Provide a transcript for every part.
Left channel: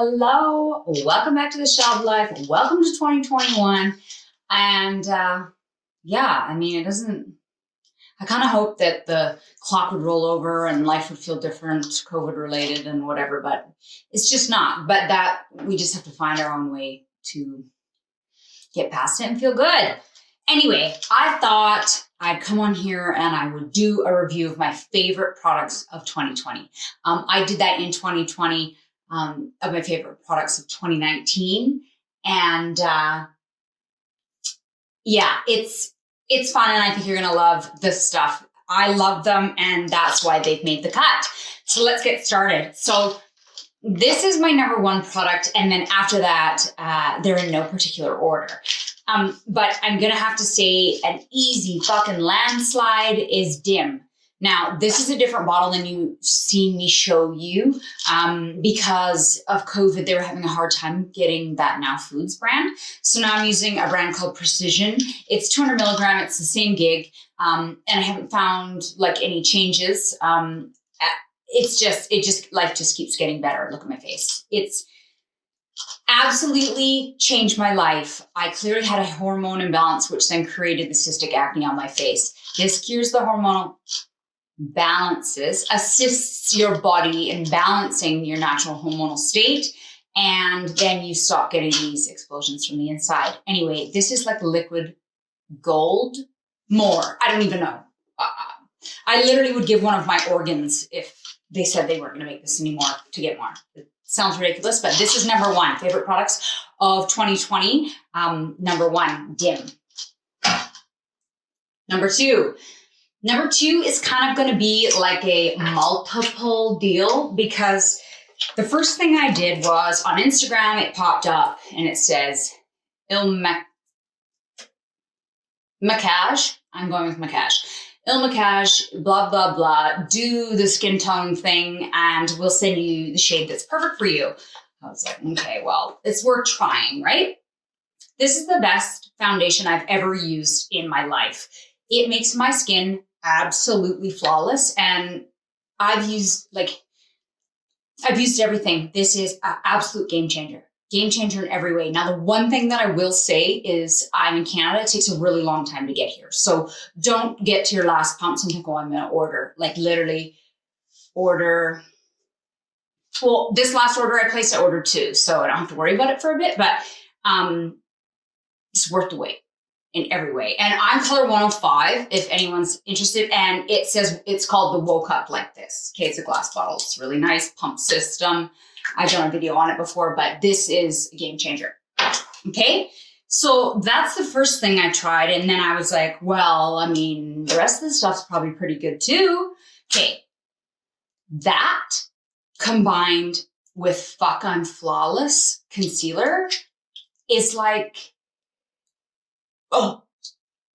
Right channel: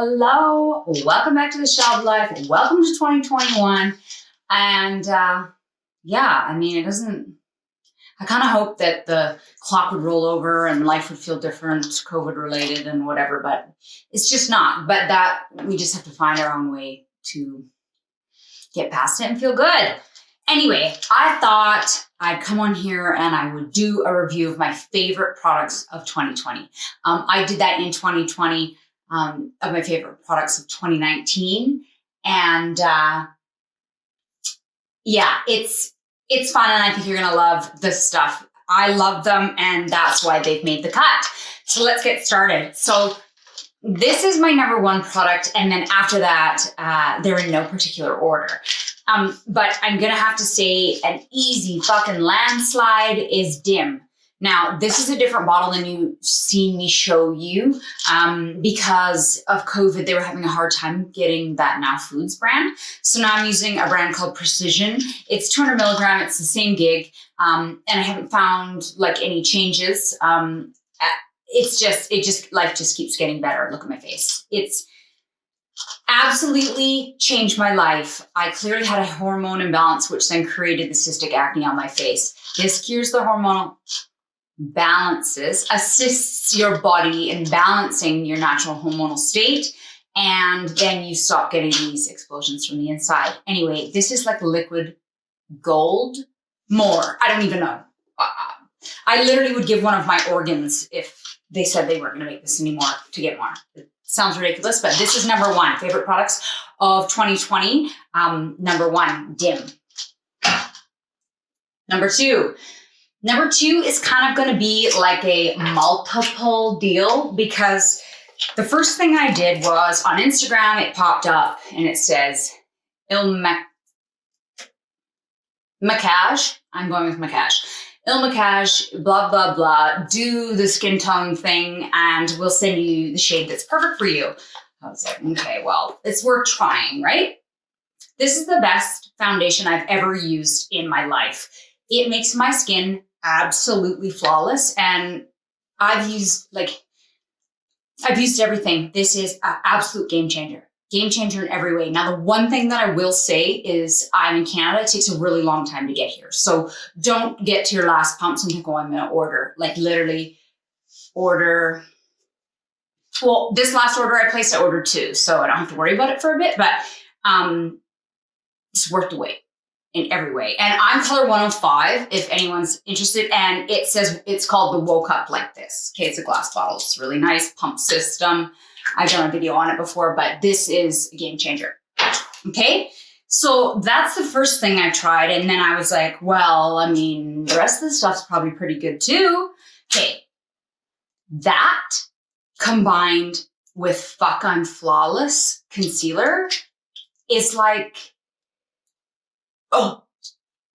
Hello, welcome back to the Shelf Life. Welcome to 2021. And I kind of hope that the clock would roll over and life would feel different, COVID related and whatever, but it's just not. But that we just have to find our own way to get past it and feel good. Anyway, I thought I'd come on here and I would do a review of my favorite products of 2020. I did that in 2020. Of my favorite products of 2019. And it's fun, and I think you're gonna love this stuff. I love them, and that's why they've made the cut. So let's get started. So this is my number one product, and then after that, they're in no particular order. But I'm gonna have to say an easy fucking landslide is Dim. Now, this is a different bottle than you've seen me show you. Because of COVID, they were having a hard time getting that Now Foods brand. So now I'm using a brand called Precision. It's 200 milligram. It's the same gig. And I haven't found like any changes. Life just keeps getting better. Look at my face. It's absolutely changed my life. I clearly had a hormone imbalance, which then created the cystic acne on my face. This cures the hormonal assists your body in balancing your natural hormonal state, and then you stop getting these explosions from the inside. Anyway, this is like liquid gold. More, I don't even know. I literally would give one of my organs if they said they weren't going to make this anymore to get more. It sounds ridiculous, but this is number one. Favorite products of 2020. Number one, Dim. Number two is kind of going to be like a multiple deal, because the first thing I did was on Instagram, it popped up and it says Maquillage. I'm going with Maquillage. Maquillage, blah, blah, blah. Do the skin tone thing and we'll send you the shade that's perfect for you. I was like, okay, well, it's worth trying, right? This is the best foundation I've ever used in my life. It makes my skin absolutely flawless, and I've used everything. This is an absolute game changer in every way. Now, the one thing that I will say is I'm in Canada. It takes a really long time to get here. So don't get to your last pumps and think, oh, I'm going to order. Like literally order. Well, this last order I placed, I ordered two, so I don't have to worry about it for a bit, but it's worth the wait in every way. And I'm color 105 if anyone's interested. And it says it's called the Woke Up Like This. Okay, it's a glass bottle. It's really nice pump system. I've done a video on it before, but this is a game changer. Okay, so that's the first thing I tried. And then I was like, well, I mean, the rest of the stuff's probably pretty good too. Okay, that combined with Fuck I'm Flawless concealer is like, oh,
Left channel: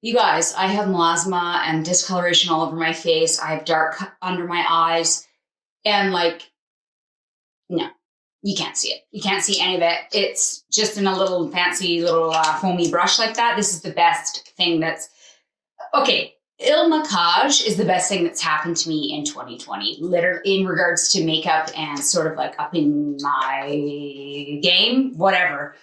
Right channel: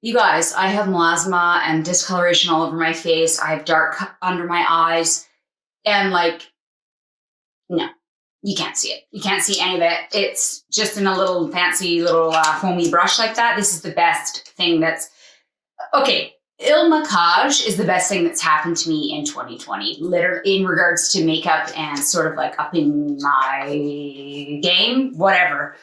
you guys, I have melasma and discoloration all over my face. I have dark under my eyes. And like, no, you can't see it. You can't see any of it. It's just in a little fancy little foamy brush like that. This is the best thing that's, okay, Maquillage is the best thing that's happened to me in 2020, literally in regards to makeup and sort of like up in my game, whatever.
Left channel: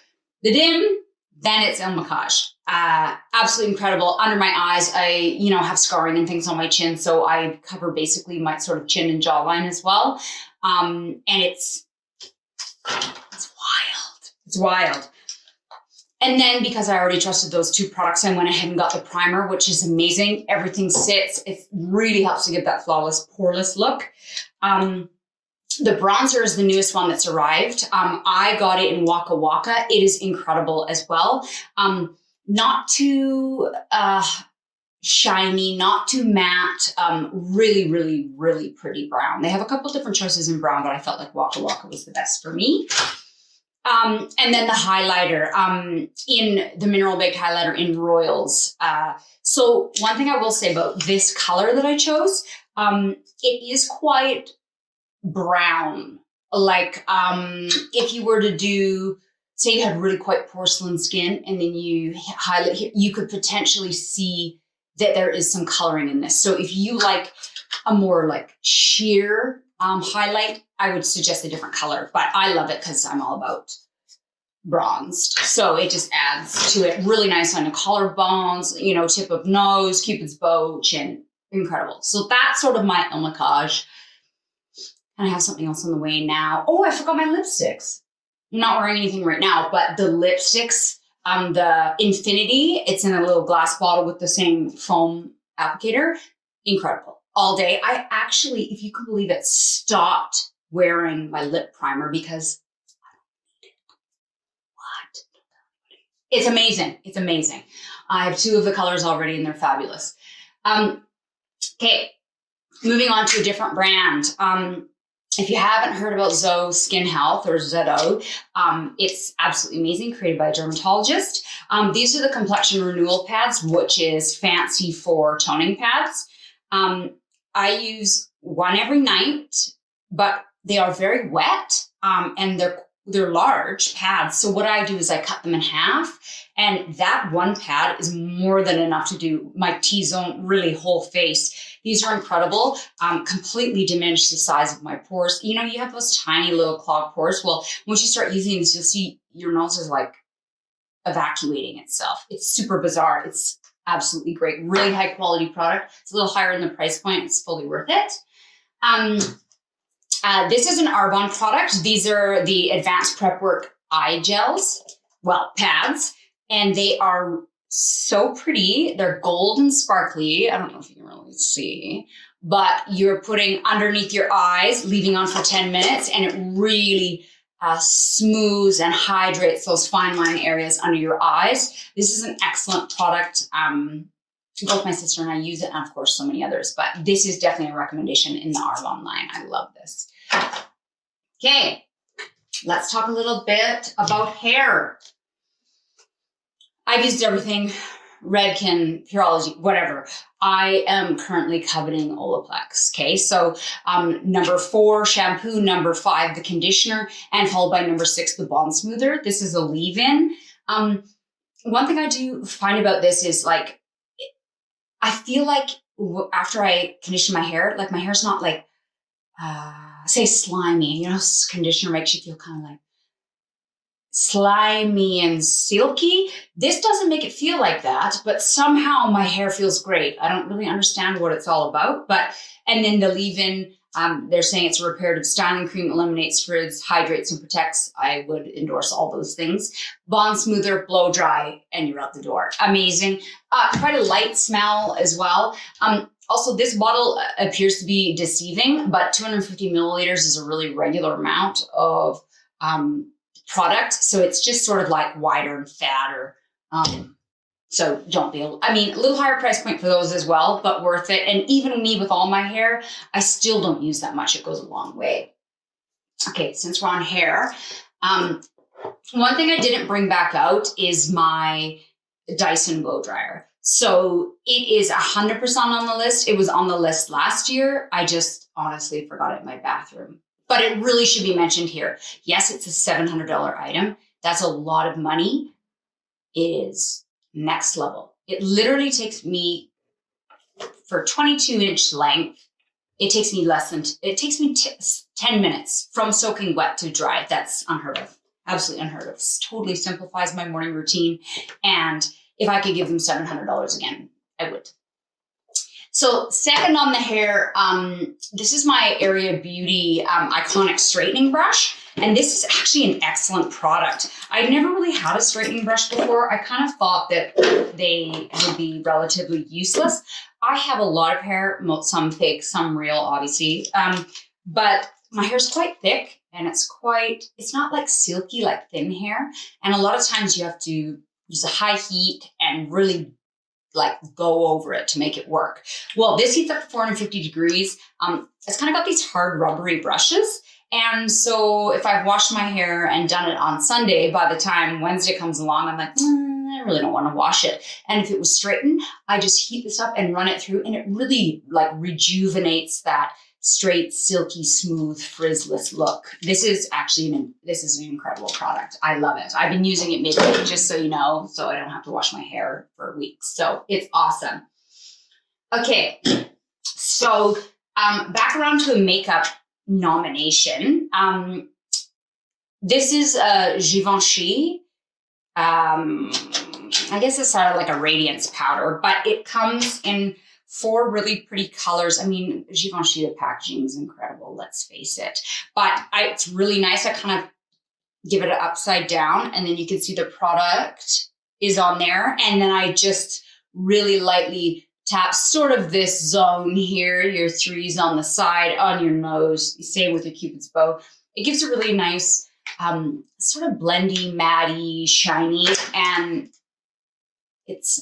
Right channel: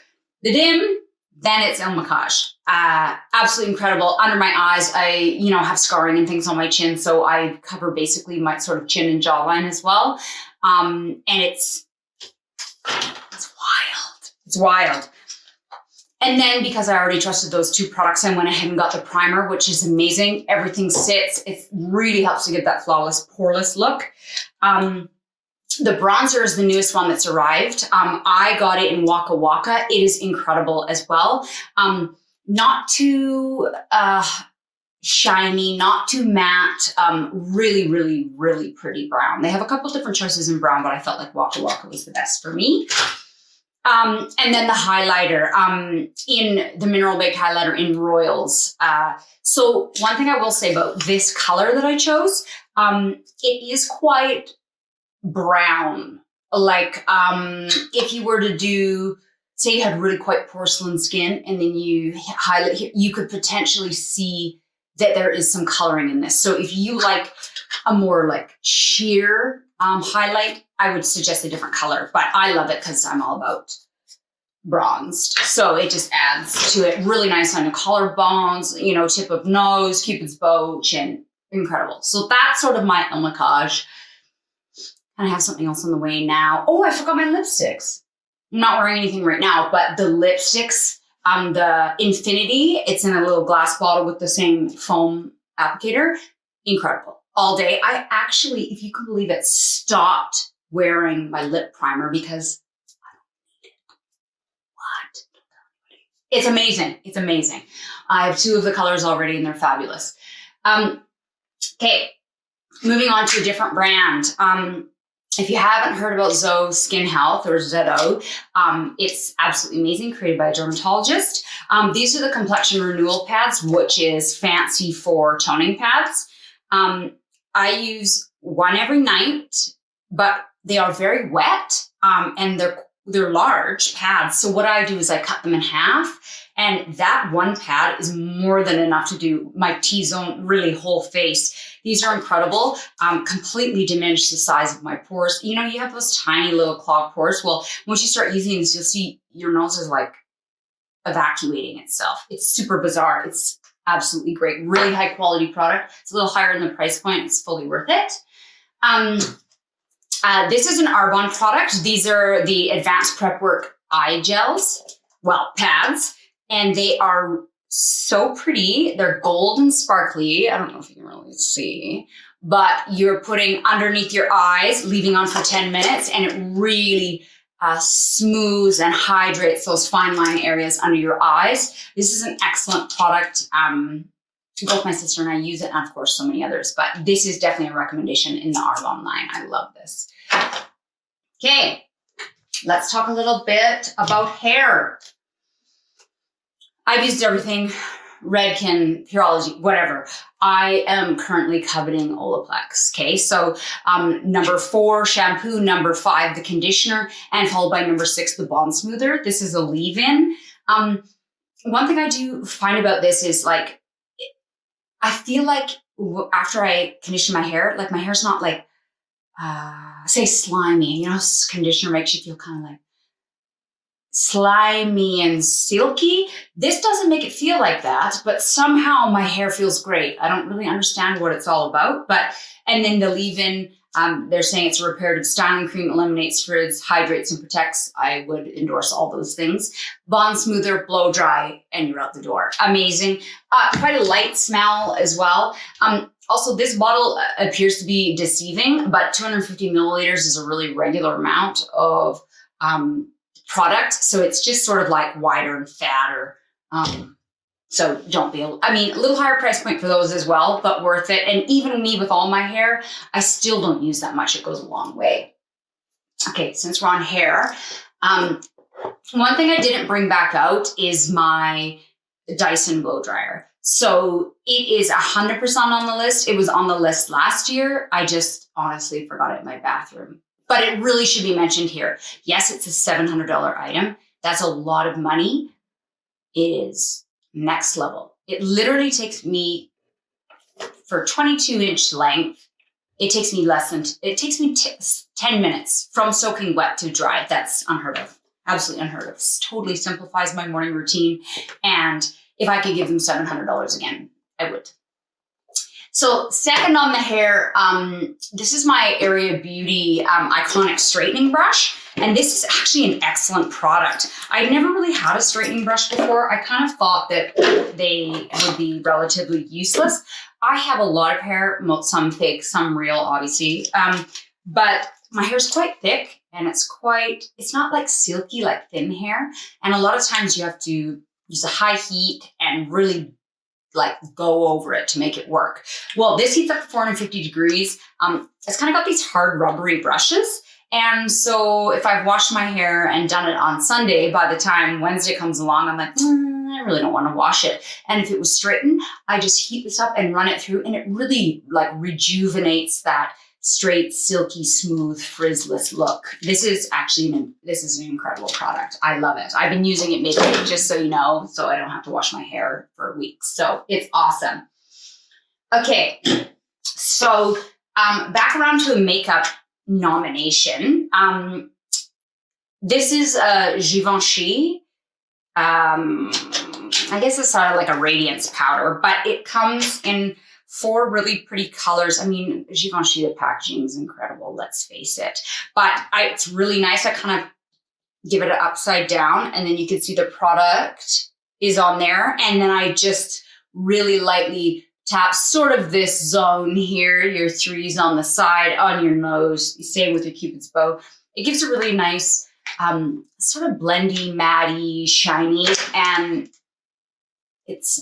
The Dim, then it's Maquillage. Absolutely incredible. Under my eyes, I, have scarring and things on my chin, so I cover basically my sort of chin and jawline as well. And it's wild. It's wild. And then because I already trusted those two products, I went ahead and got the primer, which is amazing. Everything sits. It really helps to get that flawless, poreless look. The bronzer is the newest one that's arrived. I got it in Waka Waka. It is incredible as well. Not too shiny, not too matte, really, really, really pretty brown. They have a couple different choices in brown, but I felt like Waka Waka was the best for me. And then the highlighter, in the Mineral Baked Highlighter in Royals. So one thing I will say about this color that I chose, it is quite brown. Like, if you were to do, say you had really quite porcelain skin and then you highlight here, you could potentially see that there is some coloring in this. So if you like a more like sheer highlight, I would suggest a different color, but I love it because I'm all about bronzed. So it just adds to it. Really nice on the collarbones, you know, tip of nose, Cupid's bow, chin. Incredible. So that's sort of my omacage. And I have something else on the way now. Oh, I forgot my lipsticks. I'm not wearing anything right now, but the lipsticks, the Infinity, it's in a little glass bottle with the same foam applicator. Incredible. All day. I actually, if you can believe it, stopped wearing my lip primer because I don't need it. What? It's amazing. It's amazing. I have 2 of the colors already and they're fabulous. Okay, moving on to a different brand. If you haven't heard about Zoe Skin Health or ZO, it's absolutely amazing, created by a dermatologist. These are the complexion renewal pads, which is fancy for toning pads. I use one every night, but they are very wet, and they're large pads. So what I do is I cut them in half, and that one pad is more than enough to do my T-zone, really whole face. These are incredible, completely diminish the size of my pores. You know, you have those tiny little clogged pores. Well, once you start using these, you'll see your nose is like evacuating itself. It's super bizarre. It's absolutely great. Really high quality product. It's a little higher in the price point. It's fully worth it. This is an Arbonne product. These are the Advanced Prep Work eye gels, well, pads, and they are so pretty. They're gold and sparkly. I don't know if you can really see, but you're putting underneath your eyes, leaving on for 10 minutes, and it really smooths and hydrates those fine line areas under your eyes. This is an excellent product. Both my sister and I use it, and of course so many others, but this is definitely a recommendation in the Arbonne line. I love this. Okay, let's talk a little bit about hair. I've used everything, Redken, Pureology, whatever. I am currently coveting Olaplex, okay? So number 4, shampoo, number 5, the conditioner, and followed by number 6, the bond smoother. This is a leave-in. One thing I do find about this is like, I feel like after I condition my hair, like my hair's not like, say slimy. You know, conditioner makes you feel kind of like slimy and silky. This doesn't make it feel like that, but somehow my hair feels great. I don't really understand what it's all about, but, and then the leave-in, they're saying it's a reparative styling cream, eliminates frizz, hydrates and protects. I would endorse all those things. Bond smoother, blow dry, and you're out the door. Amazing. Quite a light smell as well. Also, this bottle appears to be deceiving, but 250 milliliters is a really regular amount of product. So it's just sort of like wider and fatter. So don't be, I mean, a little higher price point for those as well, but worth it. And even me with all my hair, I still don't use that much. It goes a long way. Okay, since we're on hair, one thing I didn't bring back out is my Dyson blow dryer. So it is 100% on the list. It was on the list last year. I just honestly forgot it in my bathroom. But it really should be mentioned here. Yes, it's a $700 item. That's a lot of money. It is next level. It literally takes me, for 22-inch length, it takes me 10 minutes from soaking wet to dry. That's unheard of. Absolutely unheard of. This totally simplifies my morning routine. And if I could give them $700 again, I would. So second on the hair, this is my Area Beauty Iconic Straightening Brush. And this is actually an excellent product. I never really had a straightening brush before. I kind of thought that they would be relatively useless. I have a lot of hair, some fake, some real, obviously. But my hair's quite thick and it's not like silky, like thin hair. And a lot of times you have to use a high heat and really like go over it to make it work. Well, this heats up to 450 degrees. It's kind of got these hard rubbery brushes. And so if I've washed my hair and done it on Sunday, by the time Wednesday comes along, I'm like, I really don't want to wash it. And if it was straightened, I just heat this up and run it through, and it really like rejuvenates that straight, silky, smooth, frizzless look. This is actually this is an incredible product. I love it. I've been using it midday, just so you know, so I don't have to wash my hair for weeks. So it's awesome. Okay, so back around to makeup. nomination. This is Givenchy. I guess it's sort of like a radiance powder, but it comes in 4 really pretty colors. I mean, Givenchy, the packaging is incredible, let's face it. But it's really nice. I kind of give it an upside down, and then you can see the product is on there. And then I just really lightly tap sort of this zone here, your 3s on the side, on your nose, same with your Cupid's bow. It gives a really nice sort of blendy, matty, shiny, and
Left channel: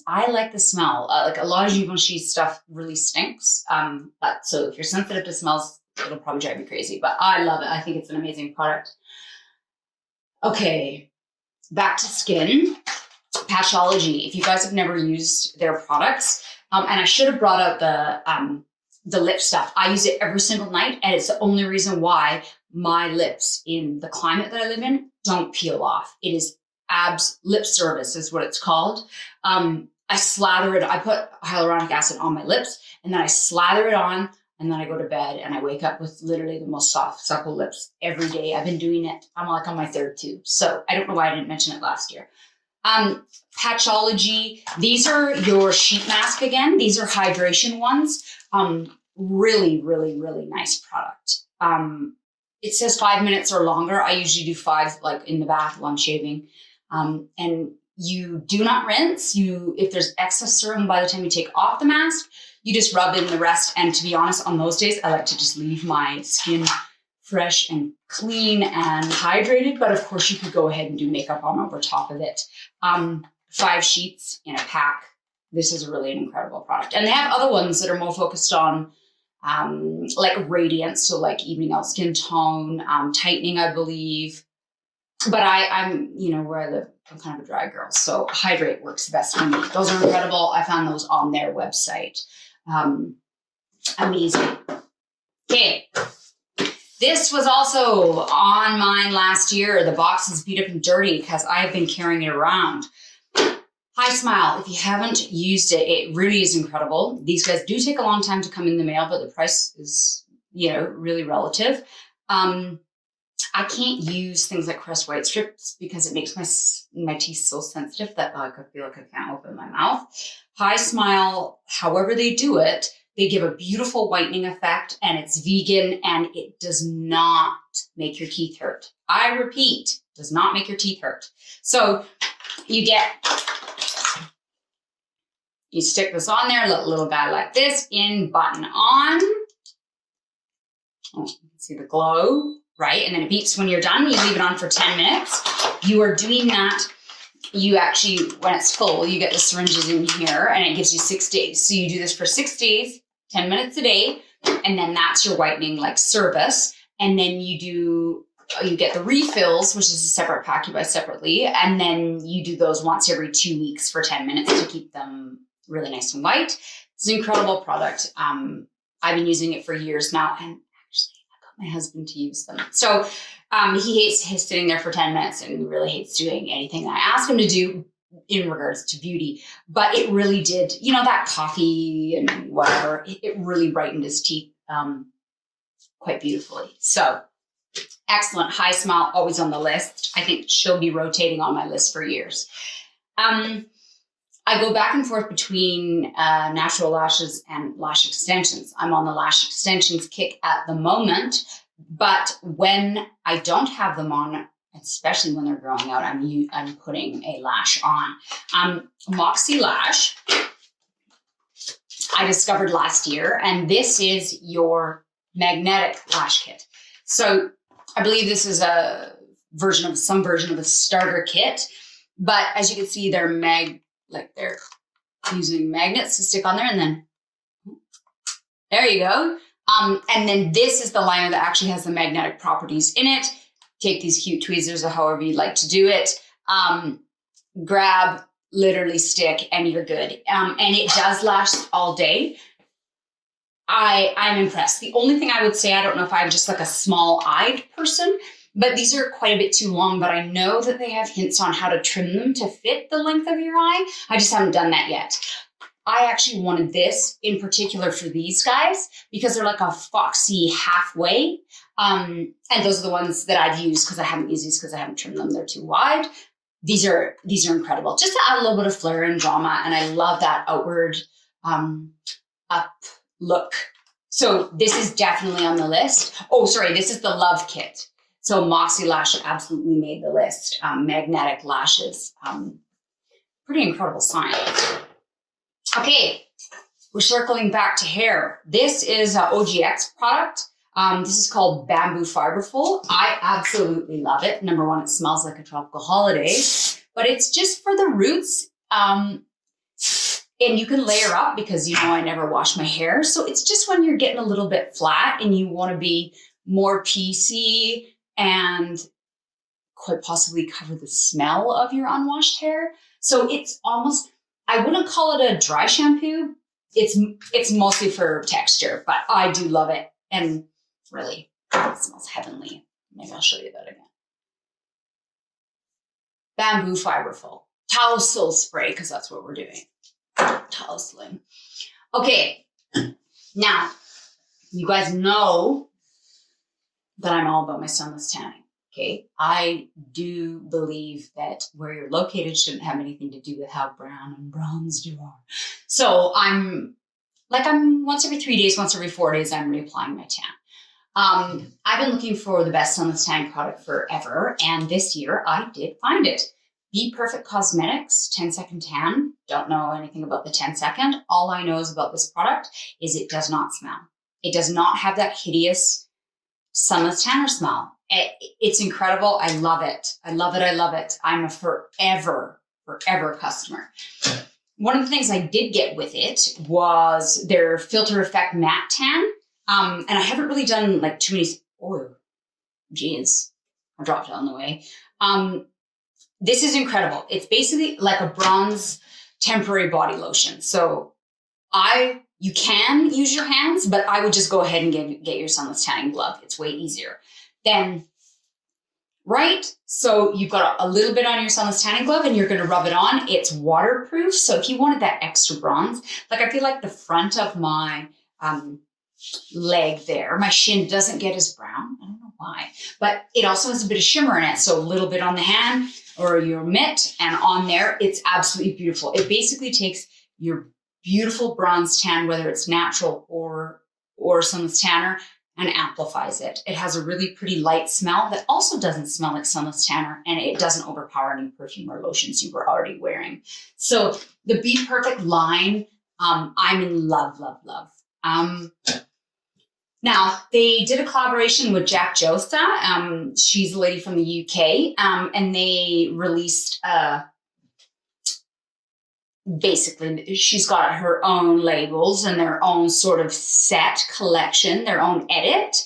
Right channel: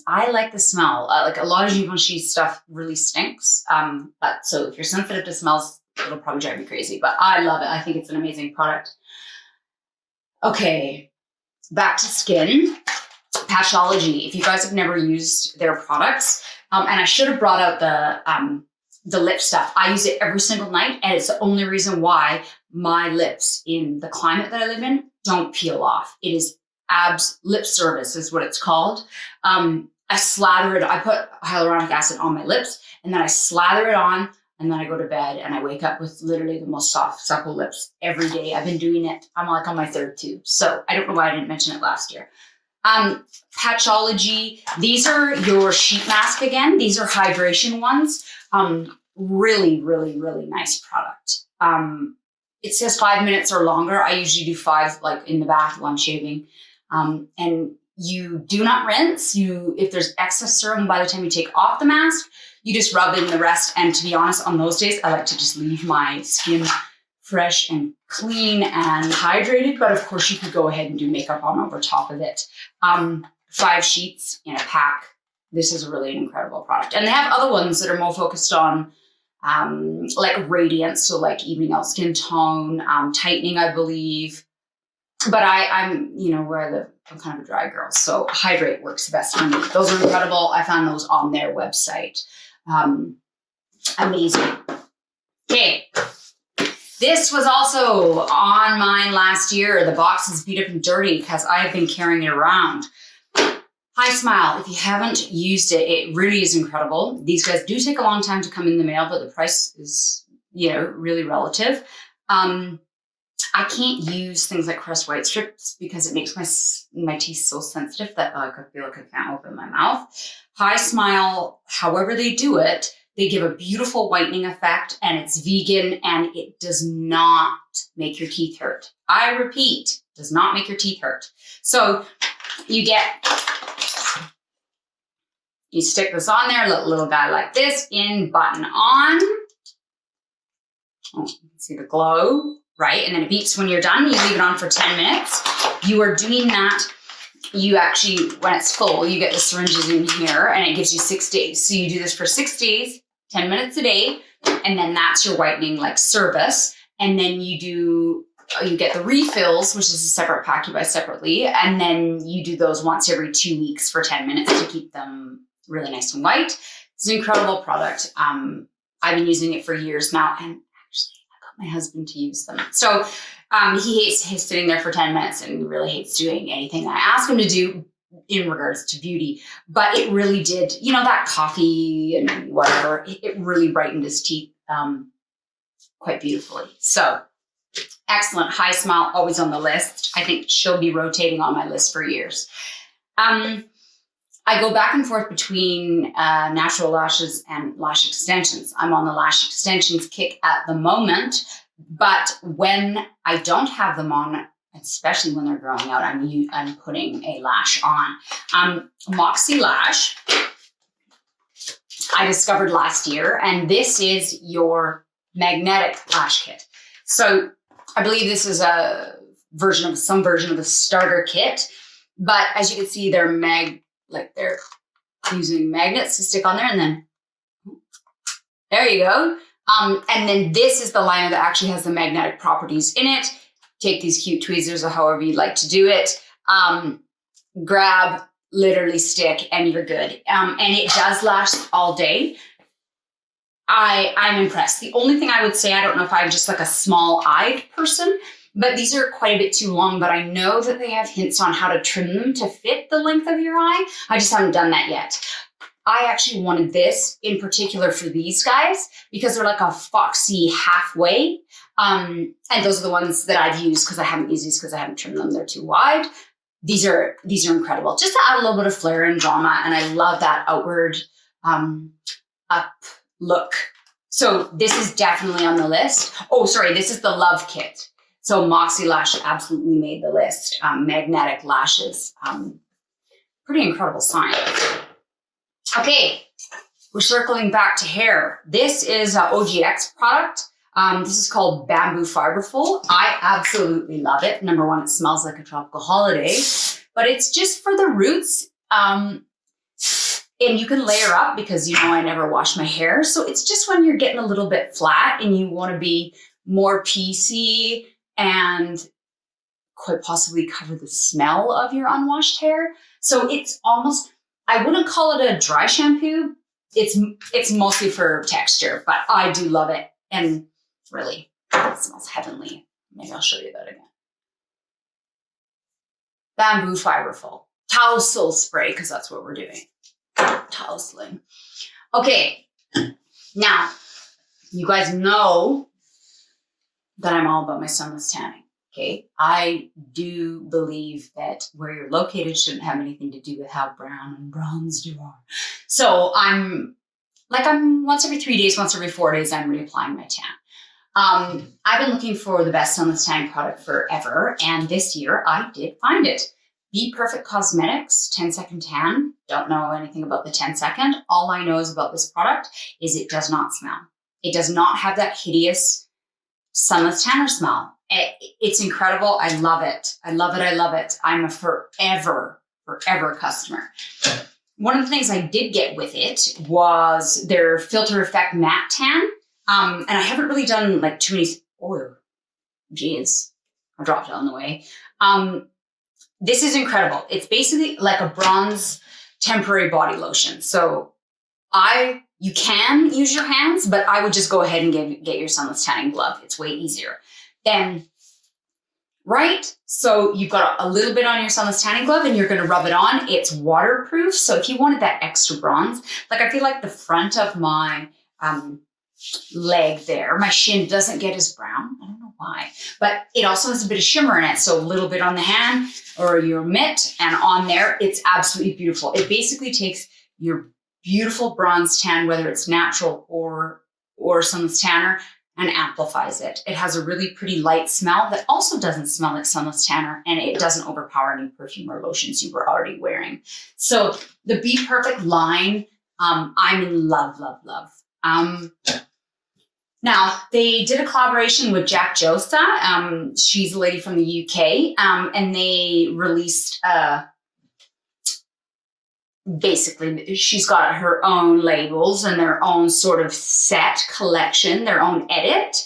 I like the smell. Like a lot of Givenchy stuff really stinks. But so if you're sensitive to smells, it'll probably drive you crazy, but I love it. I think it's an amazing product. Okay, back to skin. Patchology. If you guys have never used their products, and I should have brought out the lip stuff. I use it every single night, and it's the only reason why my lips in the climate that I live in don't peel off. It is lip service is what it's called. I slather it. I put hyaluronic acid on my lips, and then I slather it on, and then I go to bed, and I wake up with literally the most soft, supple lips every day. I've been doing it. I'm like on my 3rd tube. So I don't know why I didn't mention it last year. Patchology. These are your sheet mask again. These are hydration ones. Really, really, really nice product. It says 5 minutes or longer. I usually do 5, like in the bath while I'm shaving. And you do not rinse. If there's excess serum by the time you take off the mask, you just rub in the rest. And to be honest, on those days, I like to just leave my skin fresh and clean and hydrated. But of course, you could go ahead and do makeup on over top of it. 5 sheets in a pack. This is really an incredible product. And they have other ones that are more focused on like radiance, so like evening out skin tone, tightening, I believe. But I'm, where I live, I'm kind of a dry girl, so Hydrate works best for me. Those are incredible. I found those on their website. Amazing. Okay. This was also on mine last year. The box is beat up and dirty because I have been carrying it around. Hi Smile. If you haven't used it, it really is incredible. These guys do take a long time to come in the mail, but the price is, really relative. I can't use things like Crest White Strips because it makes my teeth so sensitive that I feel like I can't open my mouth. Hi Smile, however they do it, they give a beautiful whitening effect, and it's vegan, and it does not make your teeth hurt. I repeat, does not make your teeth hurt. So you stick this on there, little guy like this, in, button on. Oh, you can see the glow, right? And then it beeps when you're done. You leave it on for 10 minutes. You are doing that. You actually, when it's full, you get the syringes in here, and it gives you 6 days. So you do this for 6 days, 10 minutes a day, and then that's your whitening service. And then you get the refills, which is a separate pack you buy separately. And then you do those once every 2 weeks for 10 minutes to keep them really nice and white. It's an incredible product. I've been using it for years now, and actually I got my husband to use them. So he hates sitting there for 10 minutes and really hates doing anything I ask him to do in regards to beauty. But it really did, that coffee and whatever, it really brightened his teeth quite beautifully. So excellent. Hi Smile, always on the list. I think she'll be rotating on my list for years. I go back and forth between natural lashes and lash extensions. I'm on the lash extensions kick at the moment, but when I don't have them on, especially when they're growing out, I'm putting a lash on. Moxie Lash, I discovered last year, and this is your magnetic lash kit. So I believe this is some version of the starter kit, but as you can see, they're using magnets to stick on there, and then there you go. And then this is the liner that actually has the magnetic properties in it. Take these cute tweezers or however you'd like to do it. Grab, literally stick, and you're good. And it does last all day. I'm impressed. The only thing I would say, I don't know if I'm just like a small-eyed person, but these are quite a bit too long, but I know that they have hints on how to trim them to fit the length of your eye. I just haven't done that yet. I actually wanted this in particular for these guys because they're like a foxy halfway. And those are the ones that I've used because I haven't used these because I haven't trimmed them. They're too wide. These are incredible. Just to add a little bit of flair and drama. And I love that outward up look. So this is definitely on the list. Oh, sorry, this is the Love Kit. So Moxie Lash absolutely made the list. Magnetic lashes. Pretty incredible science. Okay, we're circling back to hair. This is an OGX product. This is called Bamboo Fiberful. I absolutely love it. Number one, it smells like a tropical holiday, but it's just for the roots. And you can layer up because, you know, I never wash my hair. So it's just when you're getting a little bit flat and you want to be more PC and quite possibly cover the smell of your unwashed hair. So it's almost, I wouldn't call it a dry shampoo. It's mostly for texture, but I do love it. And really, it smells heavenly. Maybe I'll show you that again. Bamboo Fiberful. Tousle Spray, because that's what we're doing. Tousling. Okay, now, you guys know that I'm all about my sunless tanning, okay? I do believe that where you're located shouldn't have anything to do with how brown and bronzed you are. So I'm once every 3 days, once every 4 days, I'm reapplying my tan. I've been looking for the best sunless tanning product forever, and this year I did find it. Be Perfect Cosmetics 10-second tan. Don't know anything about the 10-second. All I know is about this product is it does not smell. It does not have that hideous sunless tanner smell. It's incredible. I love it. I love it. I love it. I'm a forever customer. One of the things I did get with it was their Filter Effect Matte Tan. And I haven't really done like too many, oh, geez, I dropped it on the way. This is incredible. It's basically like a bronze temporary body lotion. So you can use your hands, but I would just go ahead and get your sunless tanning glove. It's way easier. Then, right? So you've got a little bit on your sunless tanning glove and you're going to rub it on. It's waterproof. So if you wanted that extra bronze, like I feel like the front of my leg there, my shin doesn't get as brown. I don't know why, but it also has a bit of shimmer in it. So a little bit on the hand or your mitt and on there, it's absolutely beautiful. It basically takes your beautiful bronze tan, whether it's natural or sunless tanner, and amplifies it. It has a really pretty light smell that also doesn't smell like sunless tanner, and it doesn't overpower any perfume or lotions you were already wearing. So the Be Perfect line, I'm in love. Now, they did a collaboration with Jack Josa. She's a lady from the UK, and they released, basically, she's got her own labels and their own sort of set collection, their own edit.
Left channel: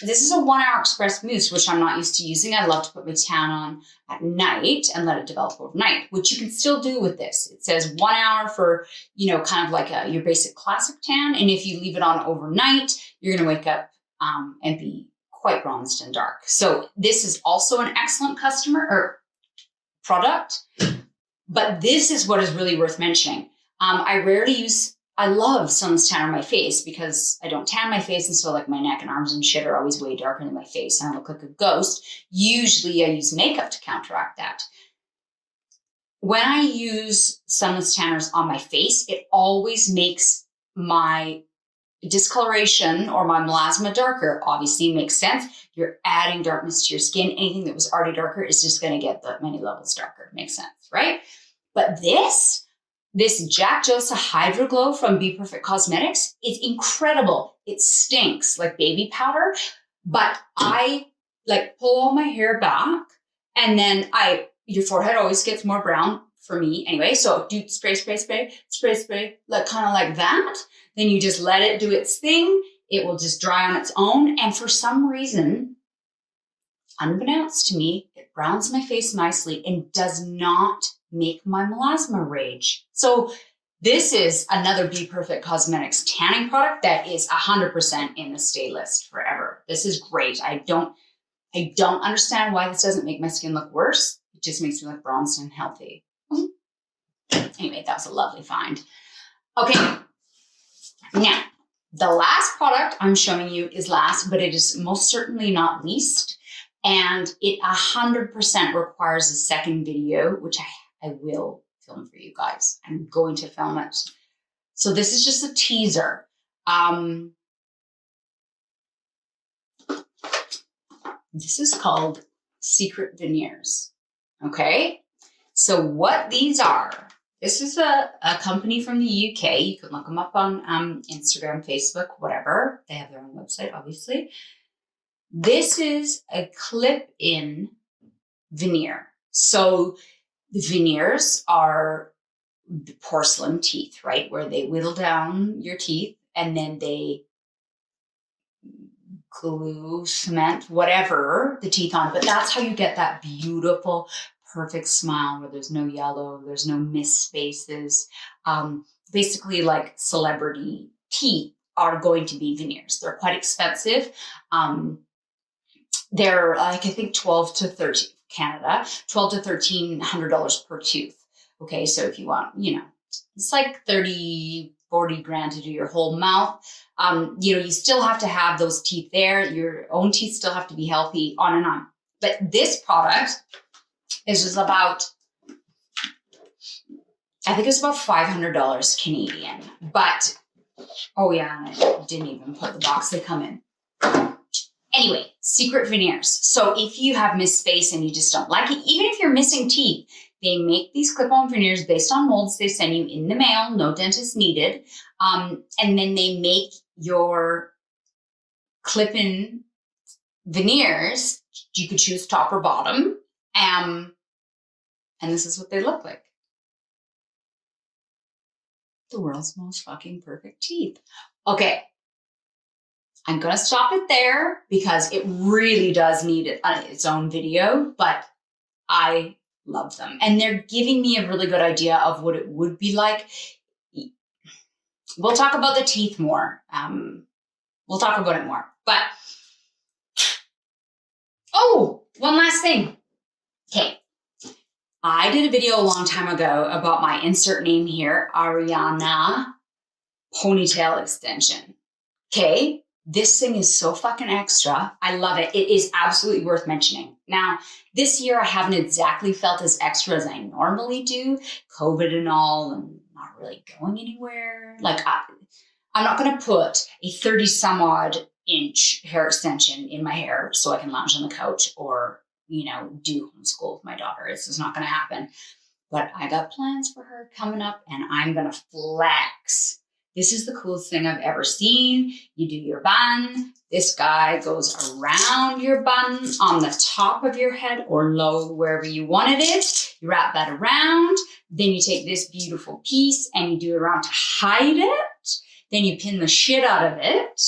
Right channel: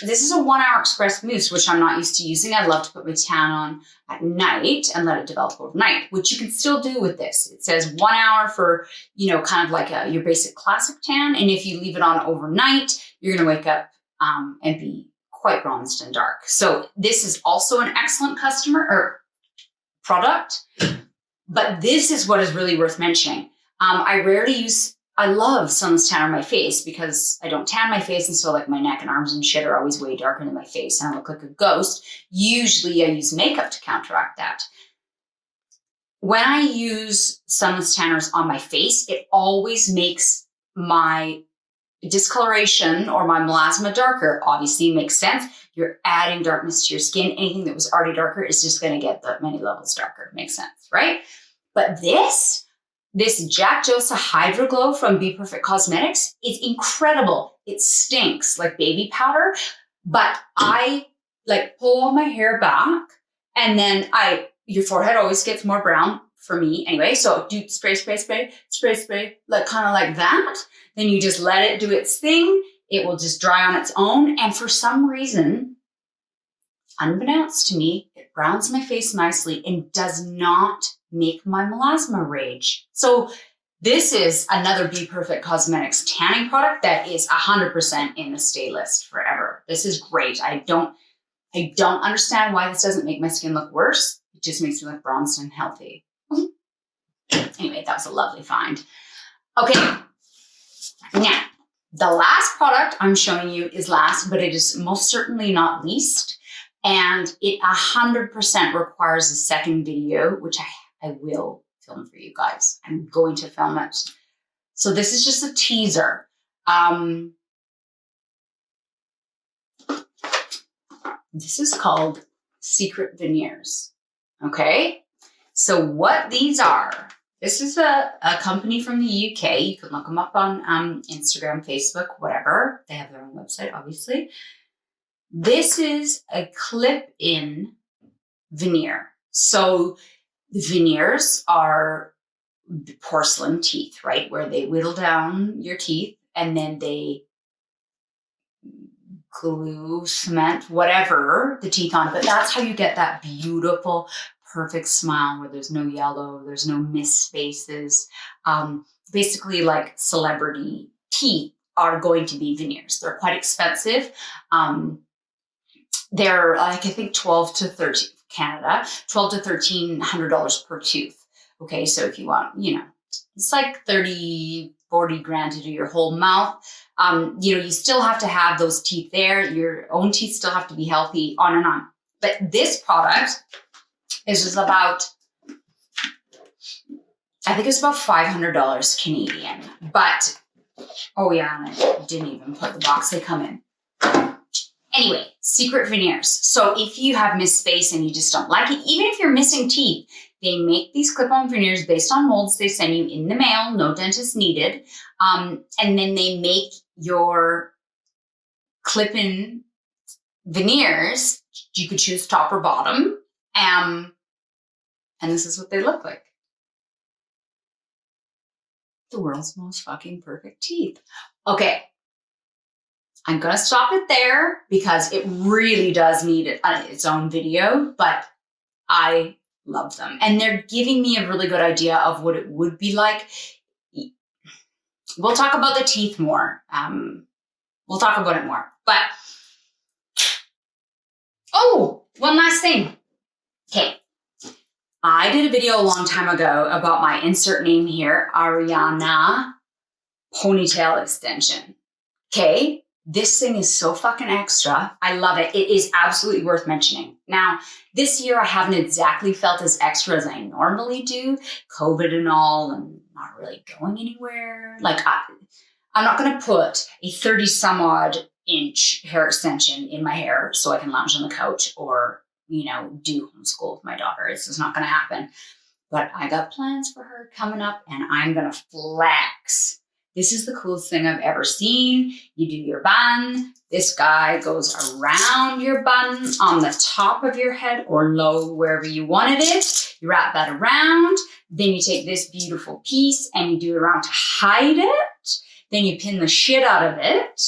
This is a 1 hour express mousse, which I'm not used to using. I love to put my tan on at night and let it develop overnight, which you can still do with this. It says 1 hour for, kind of like your basic classic tan. And if you leave it on overnight, you're going to wake up and be quite bronzed and dark. So this is also an excellent product, but this is what is really worth mentioning. I love sunless tan on my face because I don't tan my face, and so like my neck and arms and shit are always way darker than my face and I look like a ghost. Usually I use makeup to counteract that. When I use sunless tanners on my face, it always makes my discoloration or my melasma darker. Obviously, it makes sense. You're adding darkness to your skin. Anything that was already darker is just going to get that many levels darker. Makes sense, right? But this Jack Josa Hydro Glow from Be Perfect Cosmetics is incredible. It stinks like baby powder, but I like pull all my hair back, and then your forehead always gets more brown for me anyway. So do spray, like kind of like that. Then you just let it do its thing. It will just dry on its own. And for some reason, unbeknownst to me, it browns my face nicely and does not make my melasma rage. So this is another Be Perfect Cosmetics tanning product that is 100% in the stay list forever. This is great. I don't understand why this doesn't make my skin look worse. It just makes me look bronzed and healthy. Anyway, that was a lovely find. Okay, now The last product I'm showing you is last, but it is most certainly not least. And it 100% requires a second video, which I will film for you guys. I'm going to film it. So this is just a teaser. This is called Secret Veneers. Okay? So what these are, this is a company from the UK. You can look them up on Instagram, Facebook, whatever. They have their own website, obviously. This is a clip-in veneer. So the veneers are porcelain teeth, right? Where they whittle down your teeth and then they glue, cement, whatever the teeth on. But that's how you get that beautiful, perfect smile where there's no yellow, there's no missed spaces. Basically like celebrity teeth are going to be veneers. They're quite expensive. They're like, I think 12 to 13, Canada, $1,200 to $1,300 per tooth. Okay, so if you want, you know, it's like 30, 40 grand to do your whole mouth. You know, you still have to have those teeth there. Your own teeth still have to be healthy, on and on. But this product is just about, I think it's about $500 Canadian. But, oh yeah, and I didn't even put the box they come in. Anyway, Secret Veneers. So if you have missed space and you just don't like it, even if you're missing teeth, they make these clip-on veneers based on molds they send you in the mail, no dentist needed. And then they make your clip-in veneers. You could choose top or bottom. And this is what they look like. The world's most fucking perfect teeth. Okay. I'm going to stop it there because it really does need its own video, but I love them. And they're giving me a really good idea of what it would be like. We'll talk about the teeth more. We'll talk about it more. But, oh, one last thing. Okay. I did a video a long time ago about my insert name here, Ariana ponytail extension. Okay. This thing is so fucking extra. I love it. It is absolutely worth mentioning. Now, this year I haven't exactly felt as extra as I normally do. COVID and all, and not really going anywhere. Like, I'm not going to put a 30 some odd inch hair extension in my hair so I can lounge on the couch or, you know, do homeschool with my daughter. It's just not going to happen. But I got plans for her coming up and I'm going to flex. This is the coolest thing I've ever seen. You do your bun. This guy goes around your bun on the top of your head or low, wherever you want it is. You wrap that around. Then you take this beautiful piece and you do it around to hide it. Then you pin the shit out of it.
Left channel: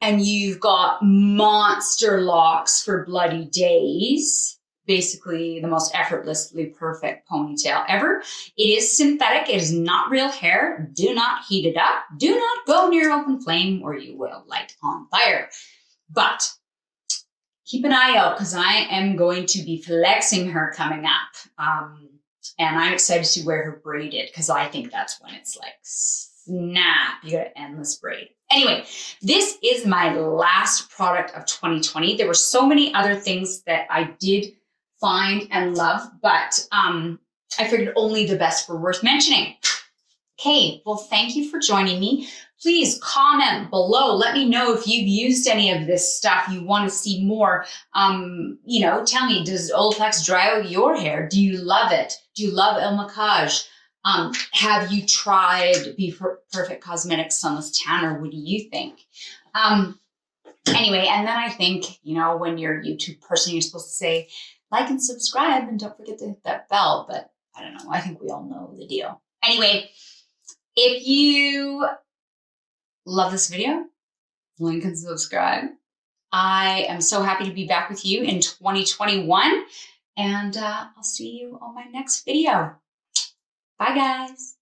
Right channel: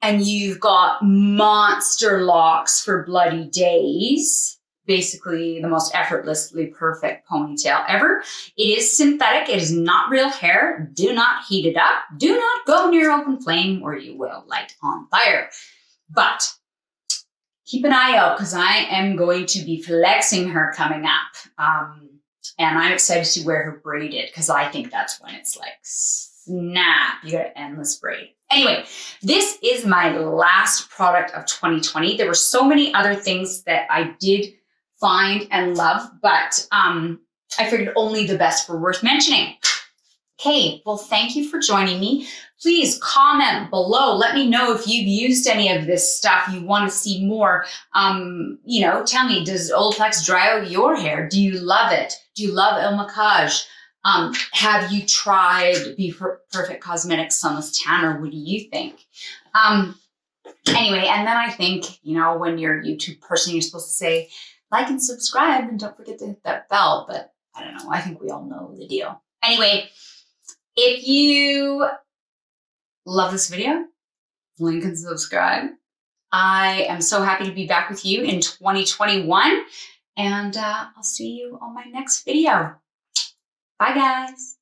And you've got monster locks for bloody days. Basically the most effortlessly perfect ponytail ever. It is synthetic. It is not real hair. Do not heat it up. Do not go near open flame or you will light on fire. But keep an eye out because I am going to be flexing her coming up. And I'm excited to wear her braided because I think that's when it's like, snap, you got an endless braid. Anyway, this is my last product of 2020. There were so many other things that I did find and love, but I figured only the best were worth mentioning. Okay, well, thank you for joining me. Please comment below. Let me know if you've used any of this stuff. You want to see more. You know, tell me, does Olaplex dry out your hair? Do you love it? Do you love El Macage? Have you tried Be Perfect Cosmetics Sunless Tanner? What do you think? Anyway, and then I think, you know, when you're a YouTube person, you're supposed to say, like and subscribe and don't forget to hit that bell, but I don't know. I think we all know the deal. Anyway, if you love this video, link and subscribe. I am so happy to be back with you in 2021 and I'll see you on my next video. Bye guys.